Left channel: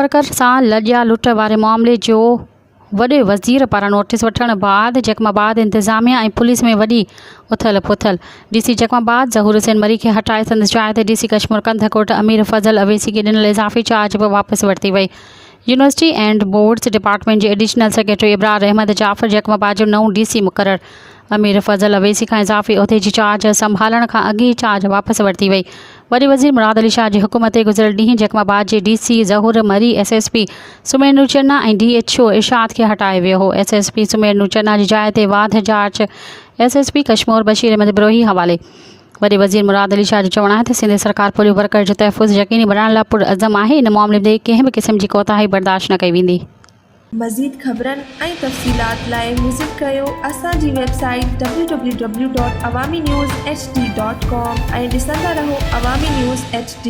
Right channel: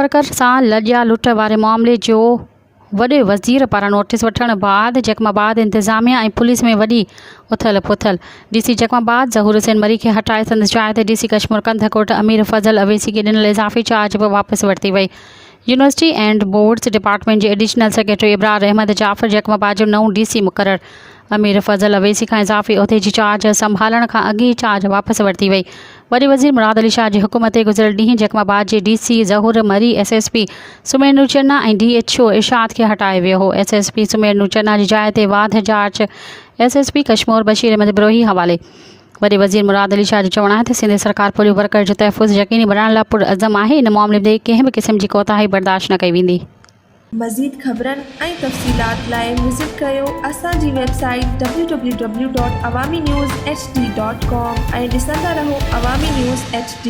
वर्कर सां लॼिया लुट वारे मामले जो वॾे वज़ीर पारां नोटिस वठण बाद जैकमाबाद इंतिज़ामिया ऐं पुलिस में वॾी उथल पुथल। डीसी जैकमाबाद ज़हूर हुसैन मरी खे हटाए संदसि जाइ ते डीसी कश्मीर कंधकोट अमीर फज़ल अवैसी खे ॾिनल इज़ाफ़ी चार्ज बि वापसि वरिती वई। यूनिवर्सिटी एंड बोर्ड्स डिपार्टमेंट जे एडिशनल सेक्रेटरी इब्रार अहमद जाफ़र जैकमाबाद जो नओं डीसी मुक़ररु। अमीर फज़ल अवैसी खां इज़ाफ़ी उहिदे जी चार्ज संभालण खां अॻु ई चार्ज वापसि वरिती वई। वरी वज़ीर मुराद अली शाह जी हुकूमत ते गुज़िरियल ॾींहुं जैकमाबाद जे डीसी ज़हूर मरी एसएसपी सुमेर नूरचन्ना ऐं डीएचओ इरशाद खे हटाए वियो हो। एसएसपी सुमेर नूरचन्ना जी जाइ ते वाध जांच एसएसपी कश्मीर बशीर अहमद बिरोही हवाले। वरी वज़ीर मुराद अली शाह जो चवणु आहे त सिंध सरकार पोलियो वर्कर जो तहफ़ुज़ यक़ीनी बणाइण लाइ पुरअज़म आहे। इन मामले में कंहिं बि क़िस्म जी कोताही बर्दाश्त न कई वेंदी। मज़ीद ख़बरनि ऐं तफ़सीलात लाइ विज़िट कयो असांजी वेबसाइट www.awamiNewsHD.com ऐं ॾिसंदा रहो अवामी न्यूज़ HD।